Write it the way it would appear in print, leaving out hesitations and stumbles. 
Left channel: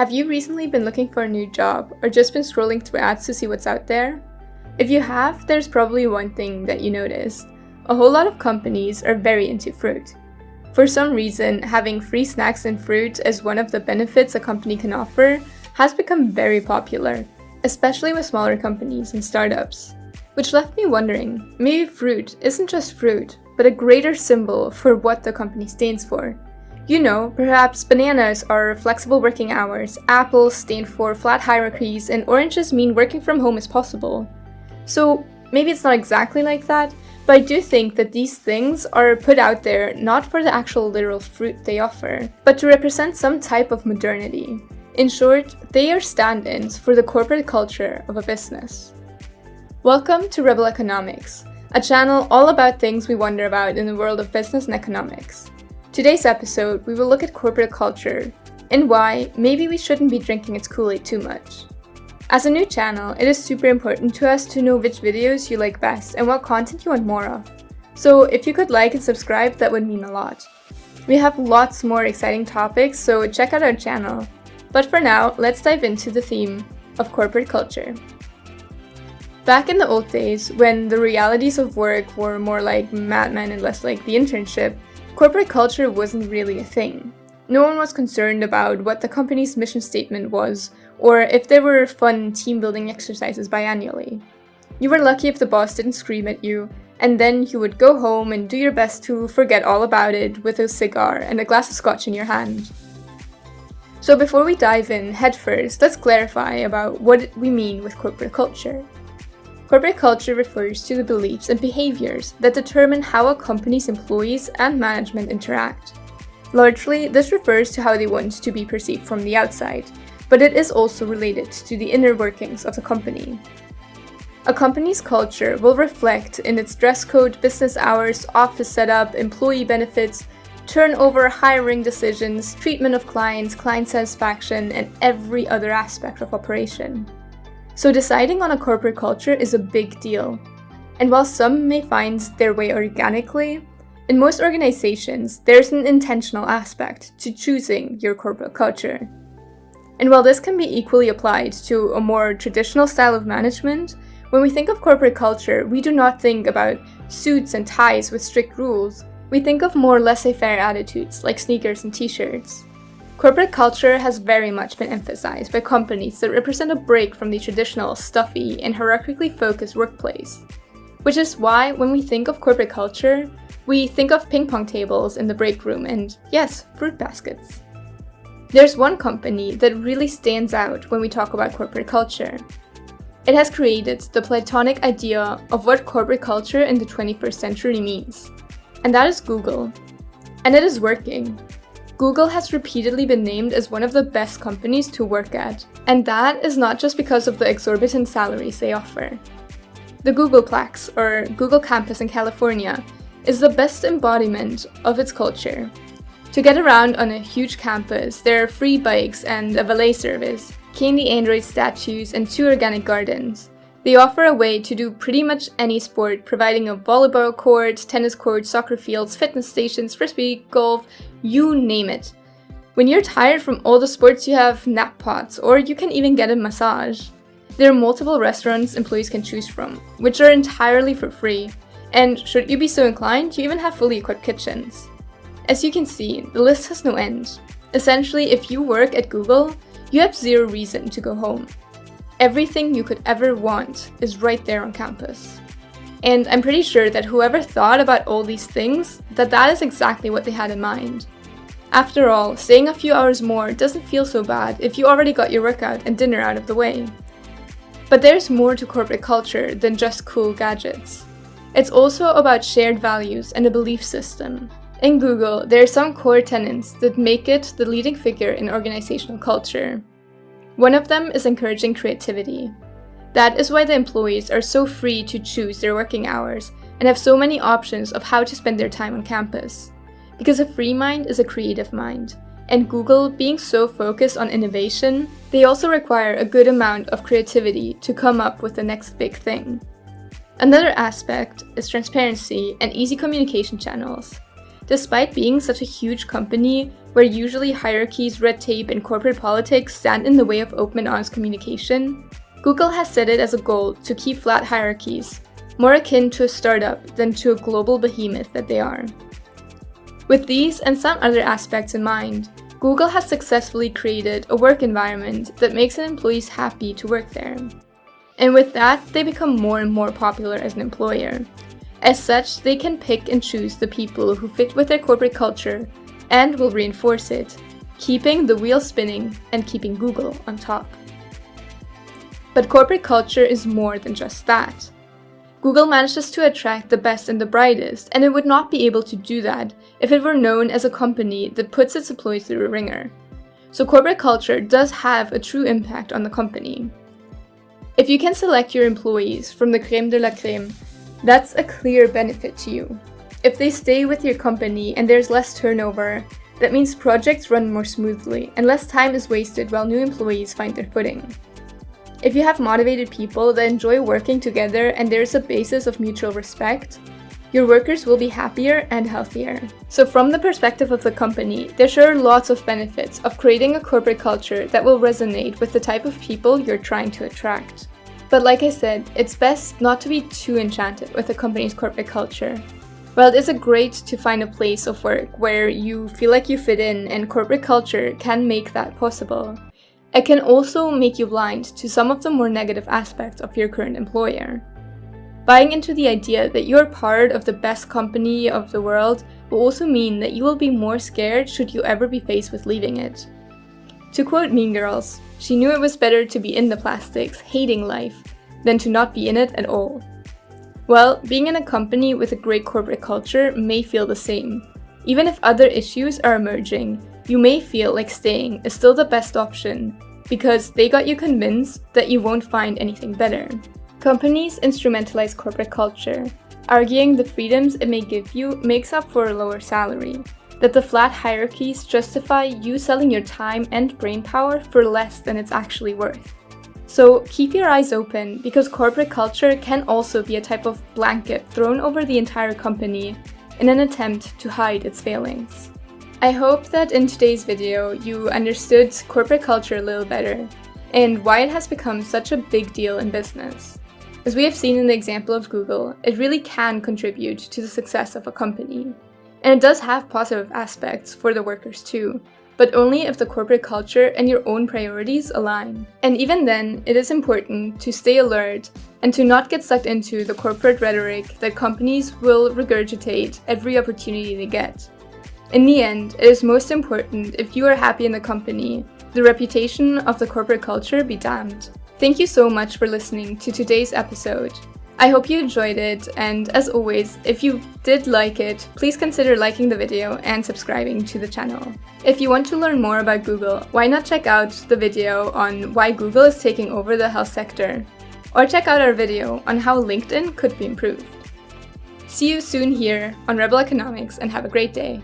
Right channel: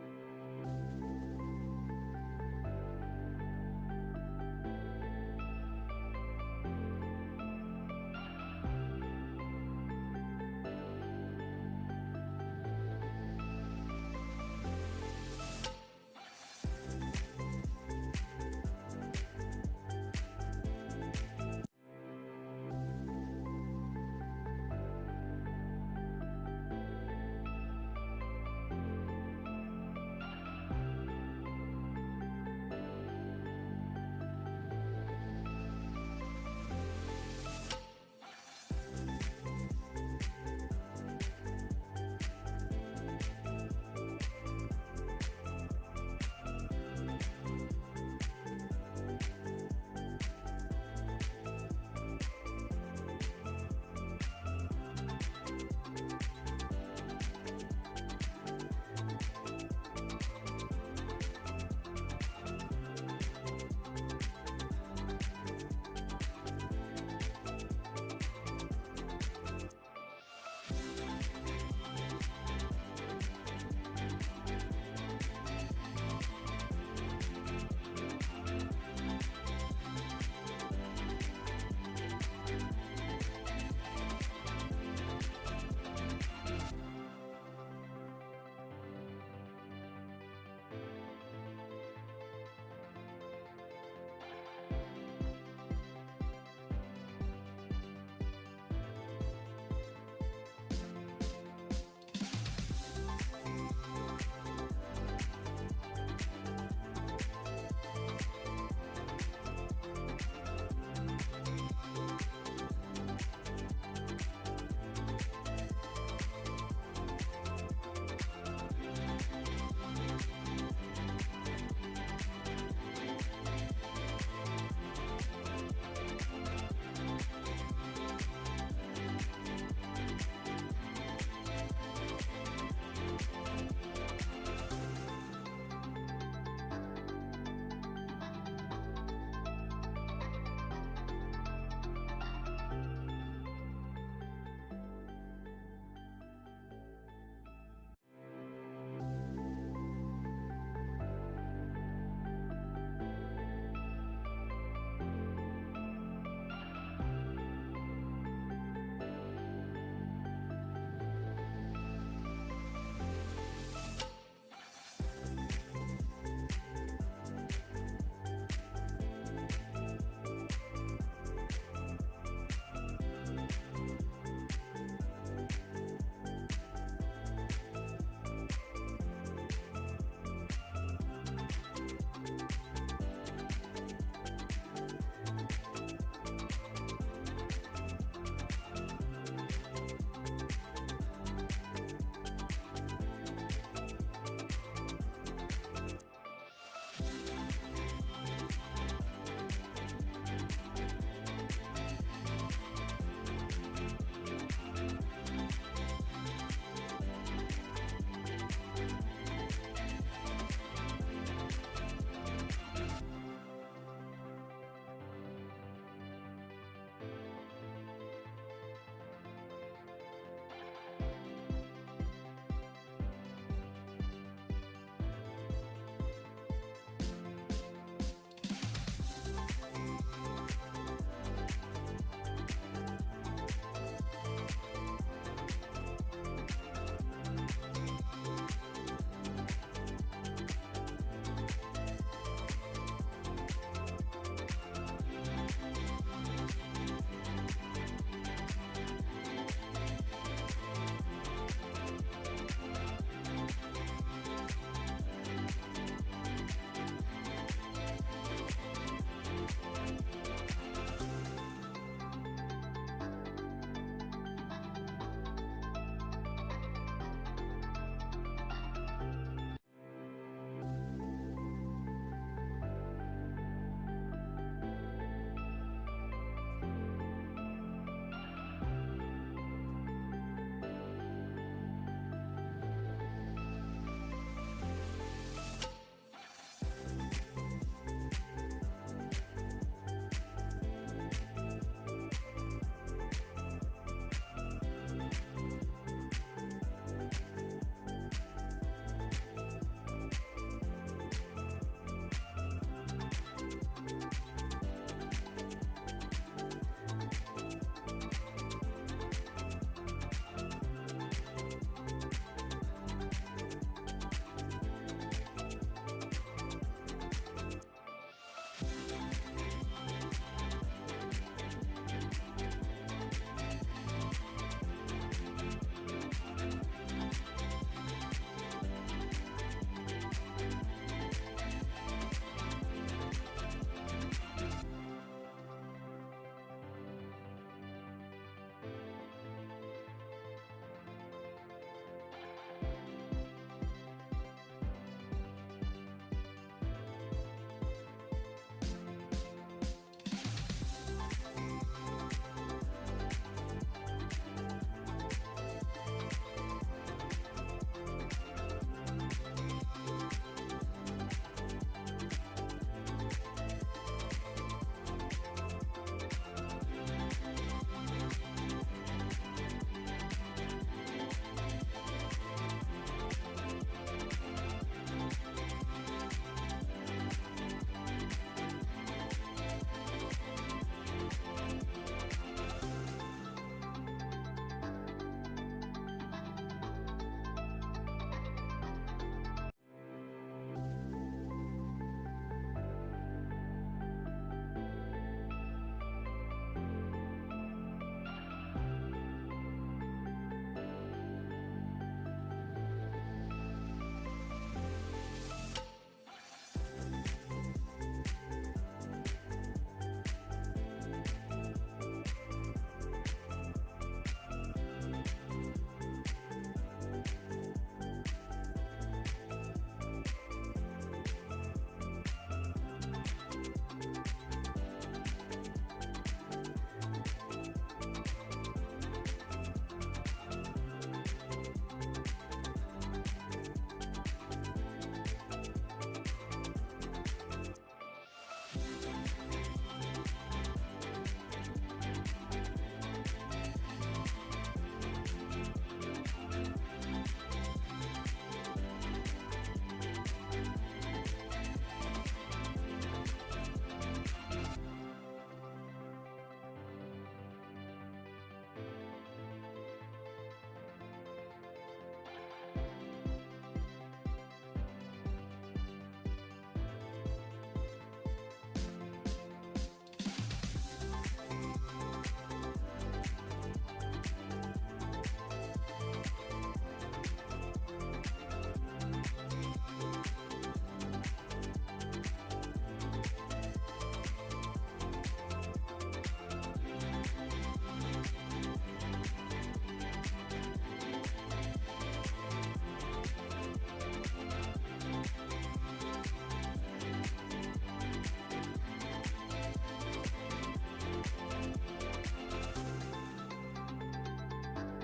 Have you recently been looking for a new job or just been scrolling through ads to see what's out there? If you have, there's probably one thing that you noticed. A whole lot of companies are very into fruit. For some reason, having free snacks and fruit as one of the benefits a company can offer has become very popular, especially with smaller companies and startups. Which left me wondering, maybe fruit isn't just fruit, but a greater symbol for what the company stands for. You know, perhaps bananas are flexible working hours, apples stand for flat hierarchies, and oranges mean working from home is possible. So maybe it's not exactly like that, but I do think that these things are put out there not for the actual literal fruit they offer, but to represent some type of modernity. In short, they are stand-ins for the corporate culture of a business. Welcome to Rebel Economics, a channel all about things we wonder about in the world of business and economics. Today's episode, we will look at corporate culture and why maybe we shouldn't be drinking its Kool-Aid too much. As a new channel, it is super important to us to know which videos you like best and what content you want more of. So if you could like and subscribe, that would mean a lot. We have lots more exciting topics, so check out our channel. But for now, let's dive into the theme of corporate culture. Back in the old days, when the realities of work were more like Mad Men and less like the internship, corporate culture wasn't really a thing. No one was concerned about what the company's mission statement was, or if there were fun team-building exercises biannually. You were lucky if the boss didn't scream at you, and then you would go home and do your best to forget all about it with a cigar and a glass of scotch in your hand. So before we dive in headfirst, let's clarify about what we mean with corporate culture. Corporate culture refers to the beliefs and behaviors that determine how a company's employees and management interact. Largely, this refers to how they want to be perceived from the outside, but it is also related to the inner workings of the company. A company's culture will reflect in its dress code, business hours, office setup, employee benefits, turnover, hiring decisions, treatment of clients, client satisfaction, and every other aspect of operation. So deciding on a corporate culture is a big deal. And while some may find their way organically, in most organizations, there's an intentional aspect to choosing your corporate culture. And while this can be equally applied to a more traditional style of management, when we think of corporate culture, we do not think about suits and ties with strict rules. We think of more laissez-faire attitudes like sneakers and t-shirts. Corporate culture has very much been emphasized by companies that represent a break from the traditional, stuffy, and hierarchically focused workplace. Which is why, when we think of corporate culture, we think of ping pong tables in the break room and, yes, fruit baskets. There's one company that really stands out when we talk about corporate culture. It has created the Platonic idea of what corporate culture in the 21st century means. And that is Google. And it is working. Google has repeatedly been named as one of the best companies to work at, and that is not just because of the exorbitant salaries they offer. The Googleplex, or Google Campus in California, is the best embodiment of its culture. To get around on a huge campus, there are free bikes and a valet service, candy Android statues, and 2 organic gardens. They offer a way to do pretty much any sport, providing a volleyball court, tennis court, soccer fields, fitness stations, frisbee, golf, you name it. When you're tired from all the sports, you have nap pods, or you can even get a massage. There are multiple restaurants employees can choose from, which are entirely for free, and should you be so inclined, you even have fully equipped kitchens. As you can see, the list has no end. Essentially, if you work at Google, you have zero reason to go home. Everything you could ever want is right there on campus. And I'm pretty sure that whoever thought about all these things, that is exactly what they had in mind. After all, staying a few hours more doesn't feel so bad if you already got your workout and dinner out of the way. But there's more to corporate culture than just cool gadgets. It's also about shared values and a belief system. In Google, there are some core tenets that make it the leading figure in organizational culture. One of them is encouraging creativity. That is why the employees are so free to choose their working hours and have so many options of how to spend their time on campus. Because a free mind is a creative mind, and Google, being so focused on innovation, they also require a good amount of creativity to come up with the next big thing. Another aspect is transparency and easy communication channels. Despite being such a huge company, where usually hierarchies, red tape, and corporate politics stand in the way of open and honest communication, Google has set it as a goal to keep flat hierarchies, more akin to a startup than to a global behemoth that they are. With these and some other aspects in mind, Google has successfully created a work environment that makes employees happy to work there. And with that, they become more and more popular as an employer. As such, they can pick and choose the people who fit with their corporate culture and will reinforce it, keeping the wheel spinning and keeping Google on top. But corporate culture is more than just that. Google manages to attract the best and the brightest, and it would not be able to do that if it were known as a company that puts its employees through a ringer. So corporate culture does have a true impact on the company. If you can select your employees from the crème de la crème, that's a clear benefit to you. If they stay with your company and there's less turnover, that means projects run more smoothly and less time is wasted while new employees find their footing. If you have motivated people that enjoy working together and there's a basis of mutual respect, your workers will be happier and healthier. So from the perspective of the company, there sure are lots of benefits of creating a corporate culture that will resonate with the type of people you're trying to attract. But like I said, it's best not to be too enchanted with a company's corporate culture. While it is great to find a place of work where you feel like you fit in and corporate culture can make that possible, it can also make you blind to some of the more negative aspects of your current employer. Buying into the idea that you're part of the best company of the world will also mean that you will be more scared should you ever be faced with leaving it. To quote Mean Girls, she knew it was better to be in the plastics, hating life, than to not be in it at all. Well, being in a company with a great corporate culture may feel the same. Even if other issues are emerging, you may feel like staying is still the best option because they got you convinced that you won't find anything better. Companies instrumentalize corporate culture, arguing the freedoms it may give you makes up for a lower salary, that the flat hierarchies justify you selling your time and brainpower for less than it's actually worth. So keep your eyes open because corporate culture can also be a type of blanket thrown over the entire company in an attempt to hide its failings. I hope that in today's video you understood corporate culture a little better and why it has become such a big deal in business. As we have seen in the example of Google, it really can contribute to the success of a company. And it does have positive aspects for the workers too, but only if the corporate culture and your own priorities align. And even then, it is important to stay alert and to not get sucked into the corporate rhetoric that companies will regurgitate every opportunity they get. In the end, it is most important if you are happy in the company, the reputation of the corporate culture be damned. Thank you so much for listening to today's episode. I hope you enjoyed it, and as always, if you did like it, please consider liking the video and subscribing to the channel. If you want to learn more about Google, why not check out the video on why Google is taking over the health sector, or check out our video on how LinkedIn could be improved. See you soon here on Rebel Economics and have a great day.